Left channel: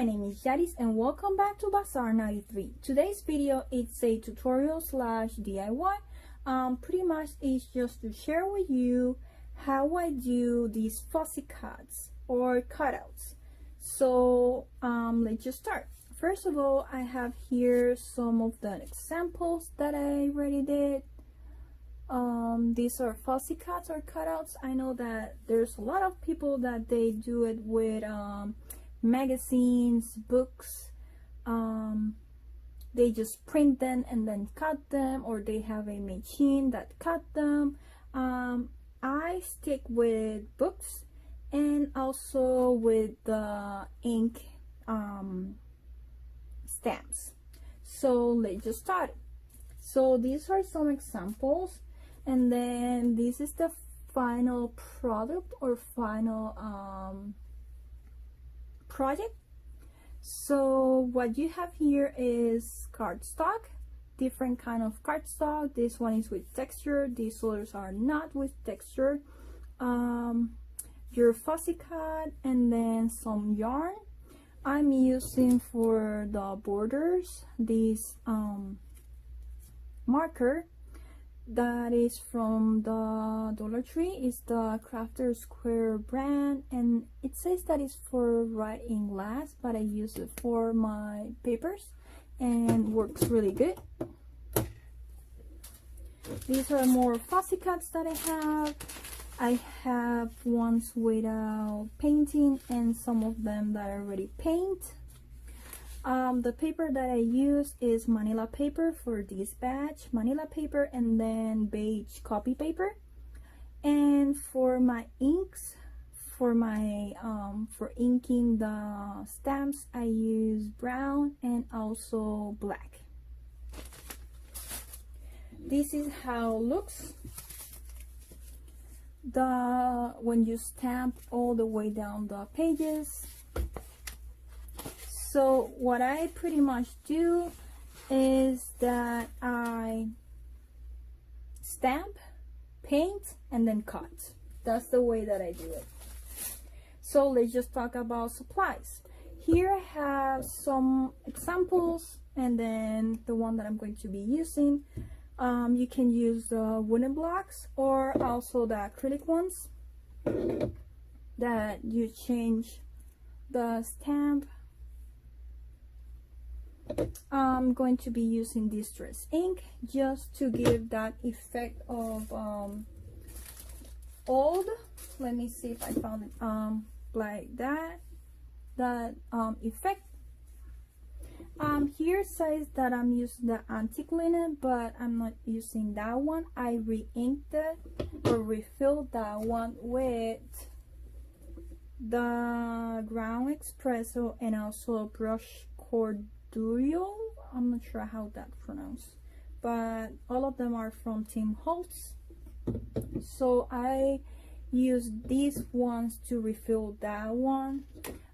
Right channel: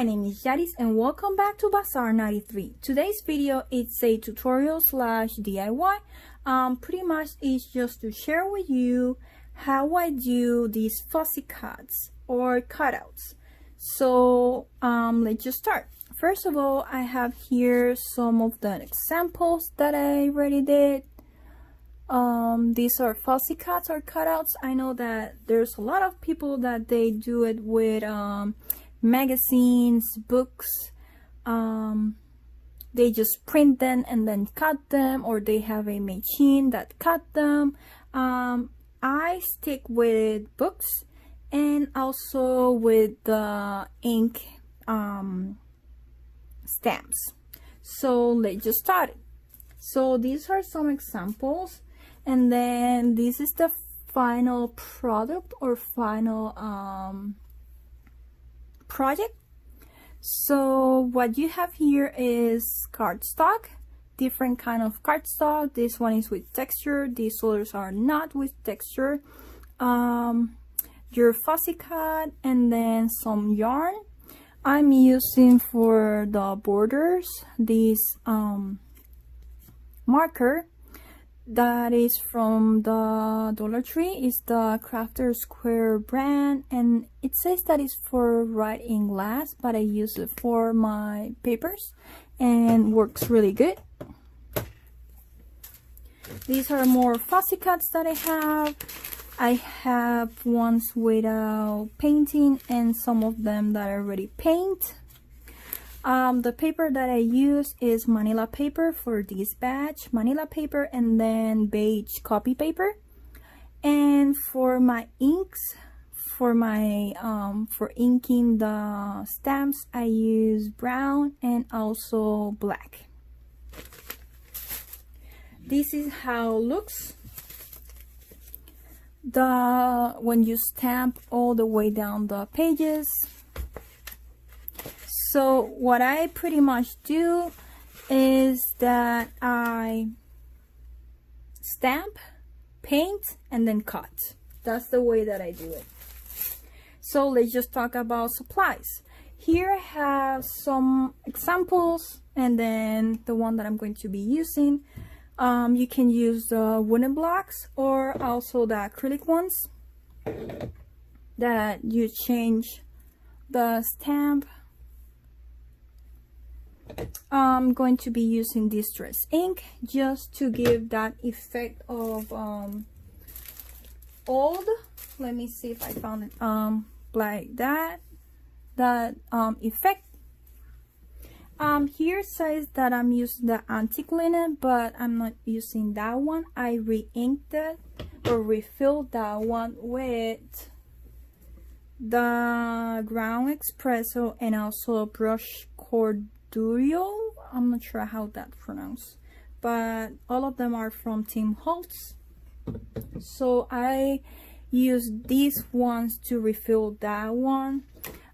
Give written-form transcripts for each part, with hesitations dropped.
my name is Yaris and welcome back to Bazaar 93. Today's video is a tutorial slash DIY. Pretty much it's just to share with you how I do these fussy cuts or cutouts. So let's just start. First of all, I have here some of the examples that I already did. These are fussy cuts or cutouts. I know that there's a lot of people that they do it with magazines, books. They just print them and then cut them, or they have a machine that cut them. I stick with books and also with the ink stamps. So let's just start it. So these are some examples, and then this is the final product or final project. So what you have here is cardstock, different kind of cardstock. This one is with texture, these others are not with texture. Your fussy cut, and then some yarn. I'm using for the borders this marker that is from the Dollar Tree. Is the Crafter Square brand, and it says that it's for writing glass, but I use it for my papers and works really good. These are more fussy cuts that I have. I have ones without painting and some of them that I already paint. The paper that I use is Manila paper for this batch, Manila paper, and then beige copy paper. And for my inks, for my for inking the stamps, I use brown and also black. This is how it looks when you stamp all the way down the pages. So what I pretty much do is that I stamp, paint, and then cut. That's the way that I do it. So let's just talk about supplies. Here I have some examples, and then the one that I'm going to be using. You can use the wooden blocks or also the acrylic ones that you change the stamp. I'm going to be using distress ink just to give that effect of old. Let me see if I found it like that effect. Here says that I'm using the antique linen, but I'm not using that one. I re-inked it or refilled that one with the ground espresso and also brush corduroy. I'm not sure how that's pronounced, but all of them are from Tim Holtz. So I use these ones to refill that one.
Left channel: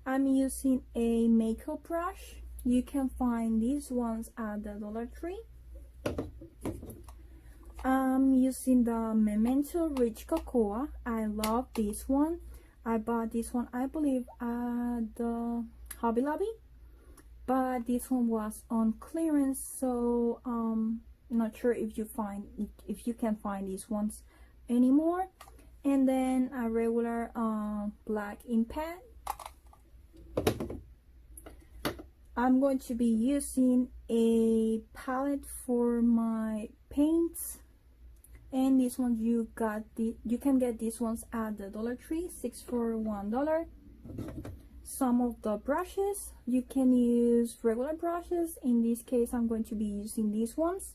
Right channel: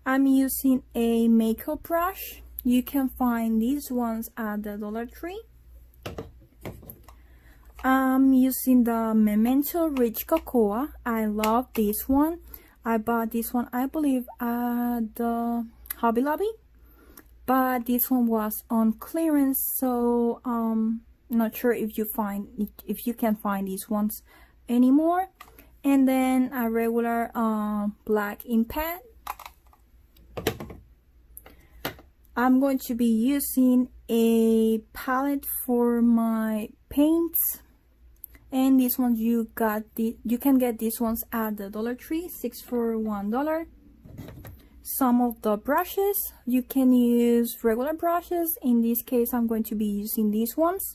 I'm using a makeup brush. You can find these ones at the Dollar Tree. I'm using the Memento Rich Cocoa. I love this one. I bought this one, I believe, at the Hobby Lobby, but this one was on clearance, so not sure if you can find these ones anymore. And then a regular black ink pad. I'm going to be using a palette for my paints, and these ones you can get these ones at the Dollar Tree, 6 for $1. Some of the brushes, you can use regular brushes. In this case, I'm going to be using these ones.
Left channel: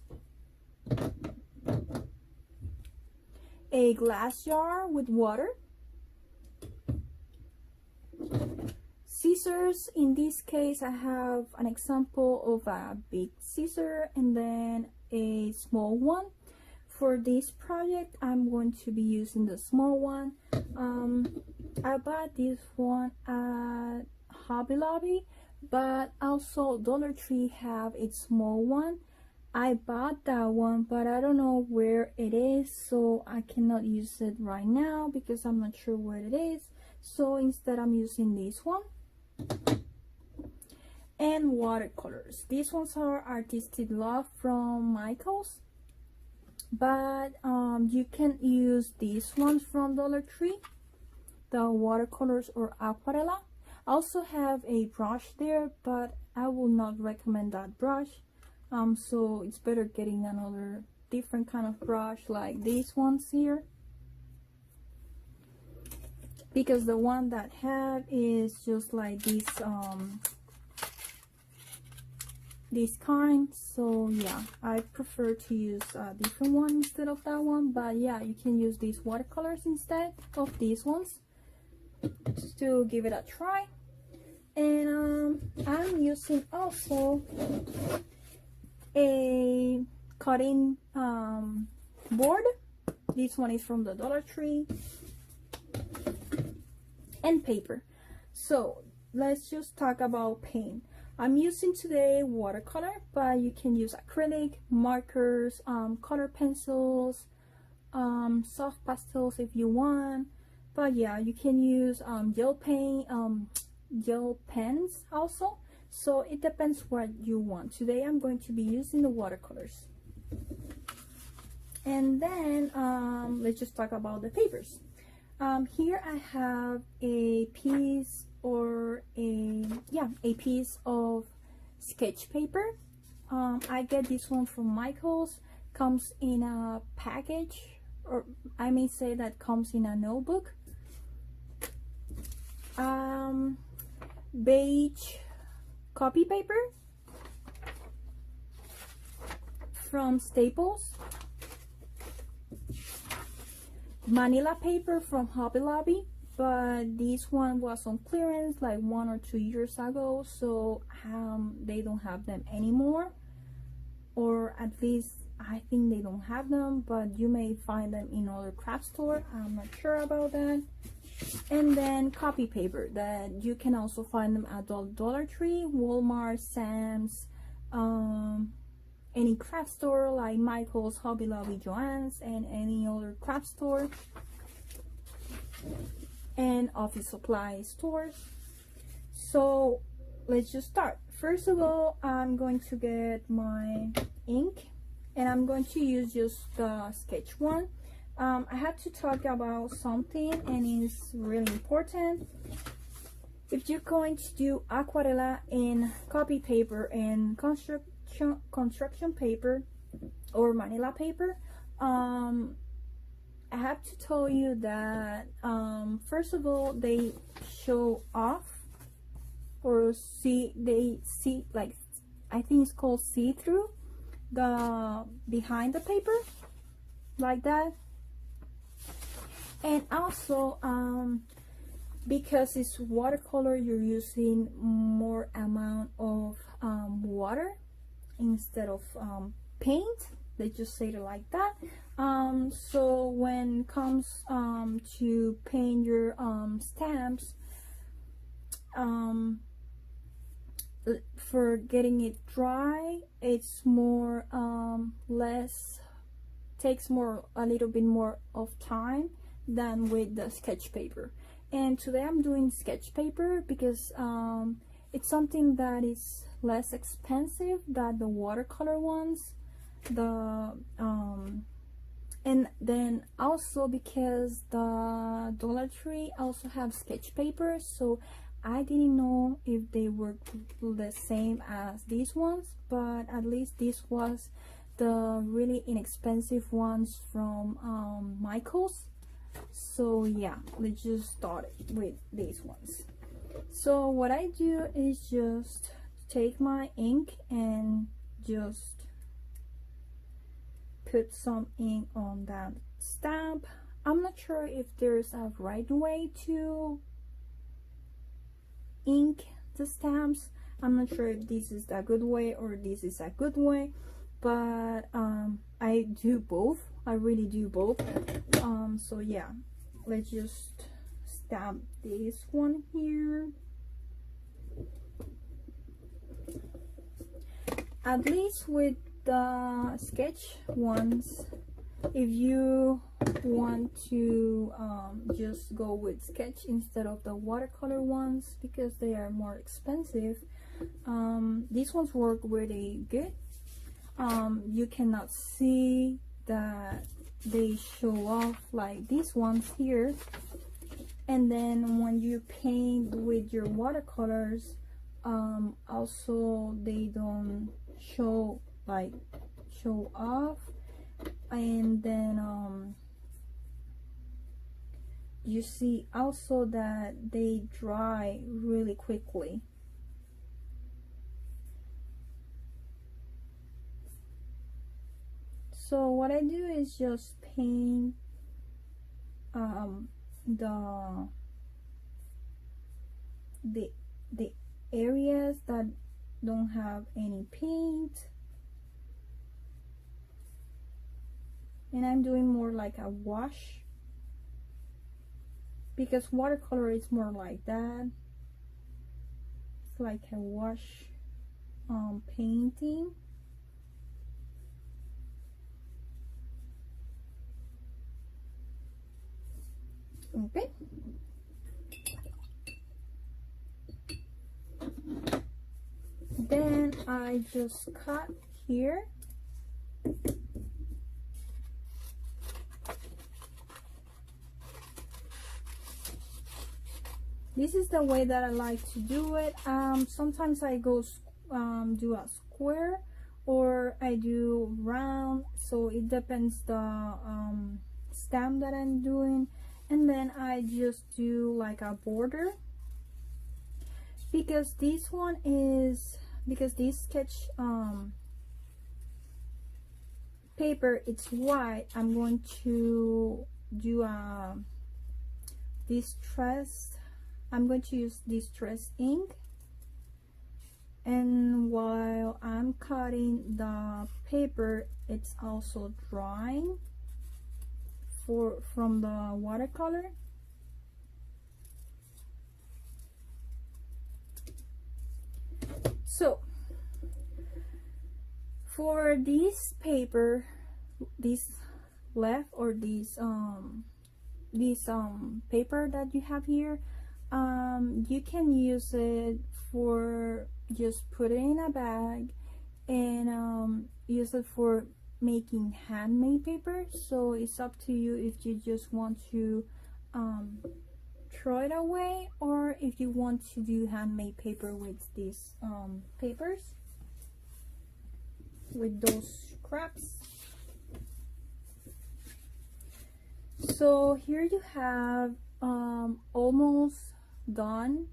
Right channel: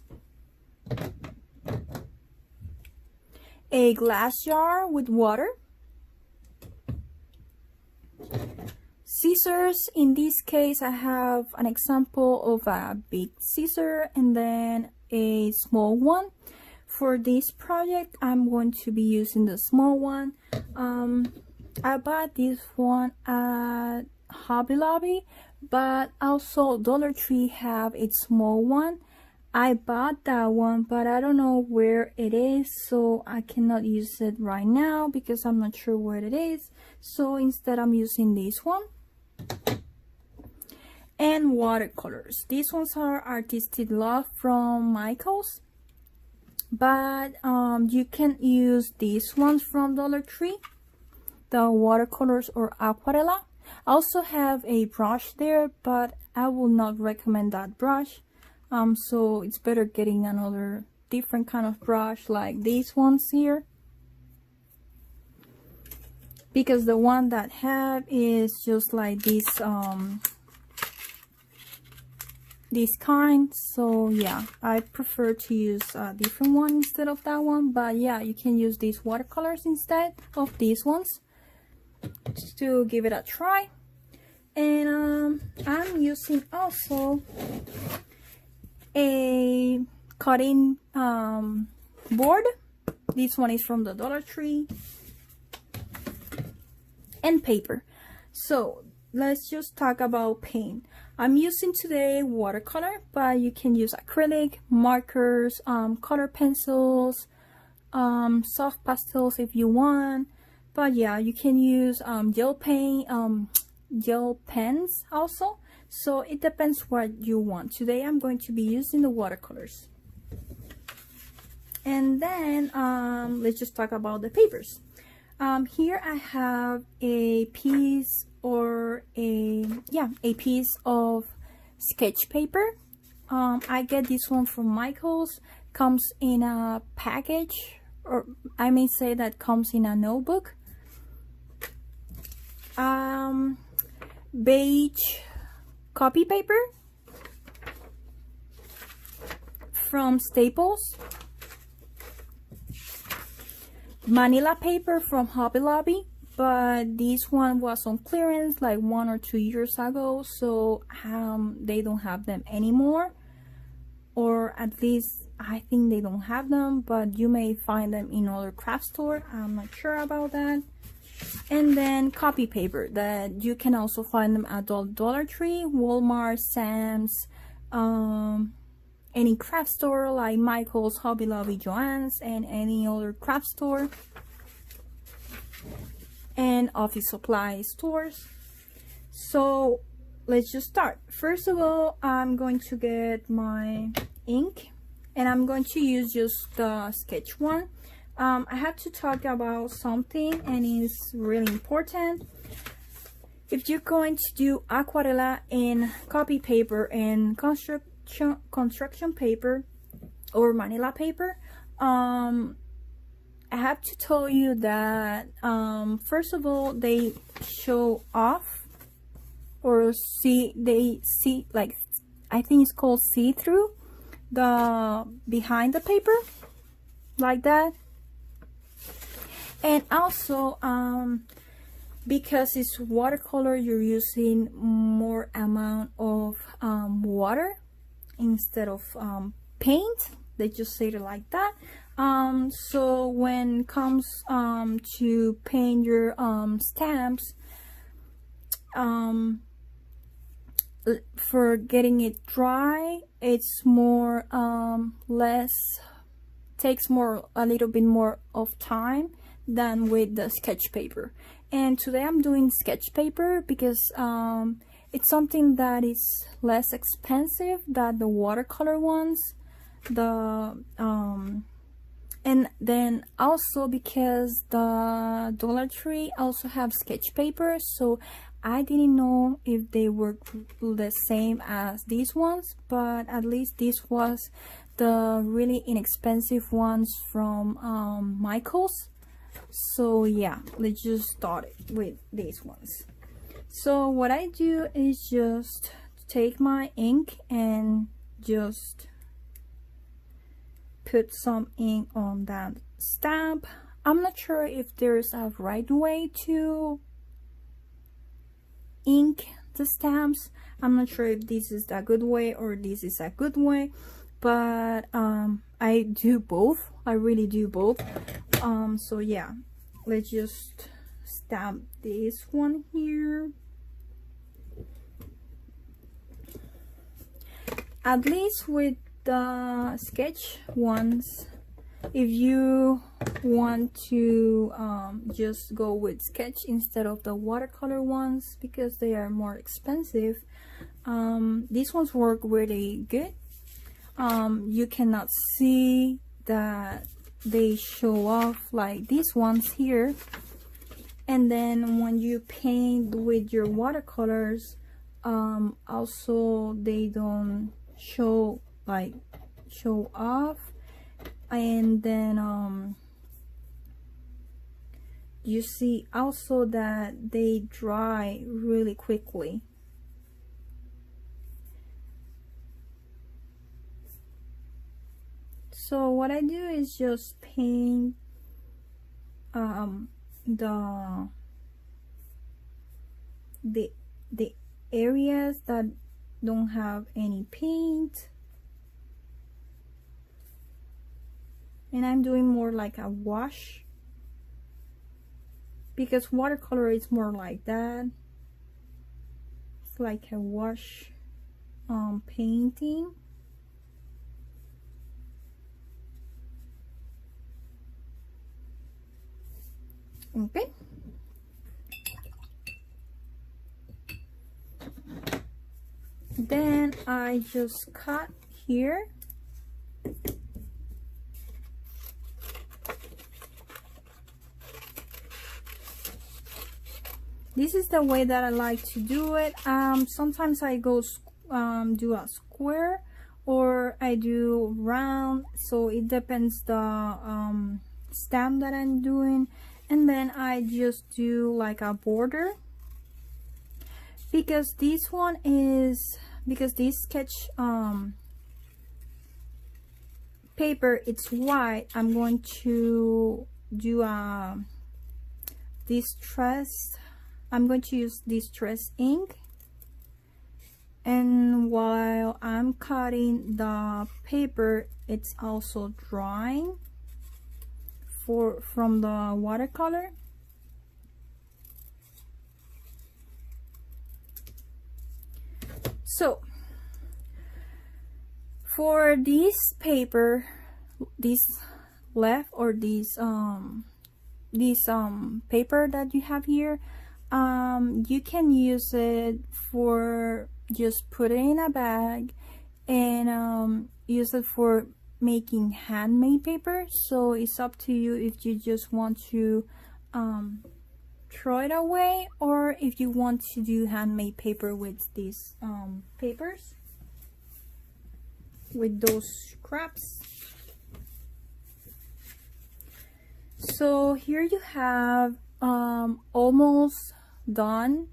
A glass jar with water. Scissors. In this case, I have an example of a big scissor and then a small one. For this project, I'm going to be using the small one. I bought this one at Hobby Lobby, but also Dollar Tree have its small one. I bought that one, but I don't know where it is, so I cannot use it right now because I'm not sure where it is. So instead I'm using this one. and watercolors. These ones are Artistic Love from Michaels, but you can use these ones from Dollar Tree, the watercolors or aquarella. I also have a brush there, but I will not recommend that brush. So it's better getting another different kind of brush like these ones here, because the one that I have is just like this kind. So yeah, I prefer to use a different one instead of that one, but yeah, you can use these watercolors instead of these ones to give it a try. And I'm using also a cutting board. This one is from the Dollar Tree, and paper. So let's just talk about paint. I'm using today watercolor, but you can use acrylic, markers, color pencils, soft pastels if you want. But yeah, you can use gel paint, gel pens also. So it depends what you want. Today I'm going to be using the watercolors. And then let's just talk about the papers. Here I have a piece a piece of sketch paper. I get this one from Michaels. Comes in a package, or I may say that comes in a notebook. Beige copy paper from Staples. Manila paper from Hobby Lobby, but this one was on clearance like 1 or 2 years ago, so they don't have them anymore, or at least I think they don't have them, but you may find them in other craft store. I'm not sure about that. And then copy paper that you can also find them at Dollar Tree, Walmart, Sam's, any craft store like Michael's, Hobby Lobby, Joann's, and any other craft store and office supply stores. So let's just start. First of all, I'm going to get my ink, and I'm going to use just the sketch one. I have to talk about something, and it's really important. If you're going to do aquarella in copy paper and construction paper or Manila paper, I have to tell you that first of all, they show off, or they see, like, I think it's called see-through, the behind the paper, like that. And also because it's watercolor, you're using more amount of water instead of paint. They just say it like that. So when it comes to paint your stamps, for getting it dry, it's more takes a little bit more of time than with the sketch paper. And today I'm doing sketch paper because it's something that is less expensive than the watercolor ones. And then also because the Dollar Tree also have sketch paper, so I didn't know if they were the same as these ones, but at least this was the really inexpensive ones from Michaels. So yeah, let's just start with these ones. So what I do is just take my ink and just put some ink on that stamp. I'm not sure if there's a right way to ink the stamps. I'm not sure if this is a good way or this is a good way, but I do both. I really do both. So yeah, let's just stamp this one here. At least with the sketch ones, if you want to just go with sketch instead of the watercolor ones because they are more expensive, these ones work really good. You cannot see that they show off like these ones here, and then when you paint with your watercolors, also they don't show off, and then you see also that they dry really quickly. So what I do is just paint the areas that don't have any paint, and I'm doing more like a wash because watercolor is more like that. It's like a wash painting. Okay. Then I just cut here. This is the way that I like to do it. Sometimes I go do a square, or I do round, so it depends the stamp that I'm doing. And then I just do like a border, because this sketch paper, it's white. I'm going to do I'm going to use distress ink, and while I'm cutting the paper, it's also drying from the watercolor. So for this paper, this left, or this paper that you have here, you can use it for just put it in a bag and use it for making handmade paper. So it's up to you if you just want to throw it away, or if you want to do handmade paper with these papers, with those scraps. So here you have almost done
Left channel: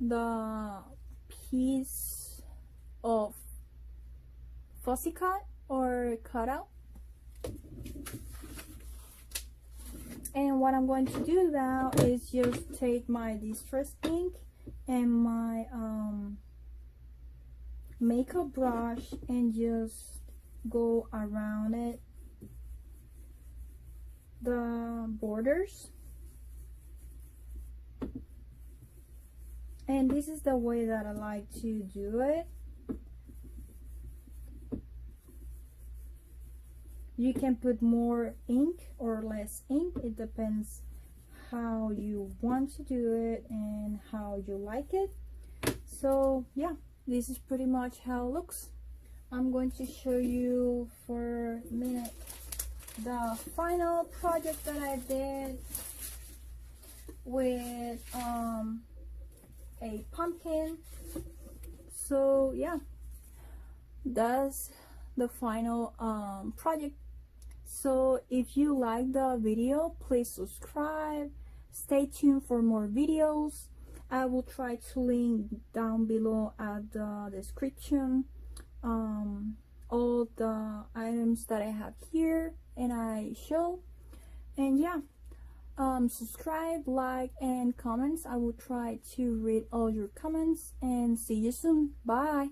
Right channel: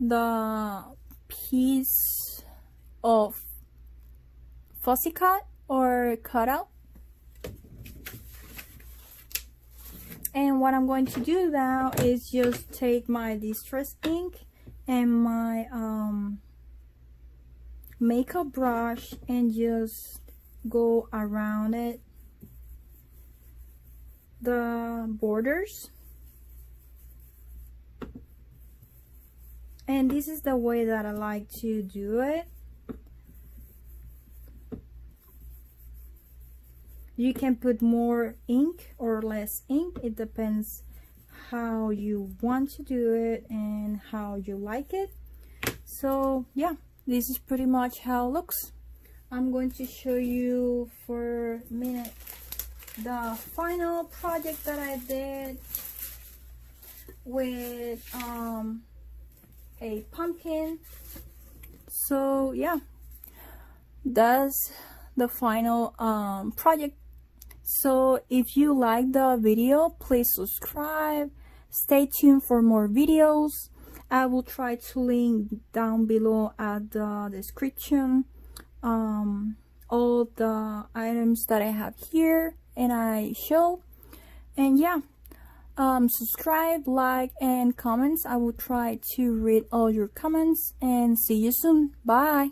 the piece of fussy cut or cutout. And what I'm going to do now is just take my distress ink and my makeup brush and just go around it, the borders. And this is the way that I like to do it. You can put more ink or less ink, it depends how you want to do it and how you like it. So yeah, this is pretty much how it looks. I'm going to show you for a minute the final project that I did with a pumpkin. So yeah, that's the final project. So if you like the video, please subscribe, stay tuned for more videos. I will try to link down below at the description all the items that I have here and I show. And yeah, subscribe, like, and comments. I will try to read all your comments, and see you soon. Bye.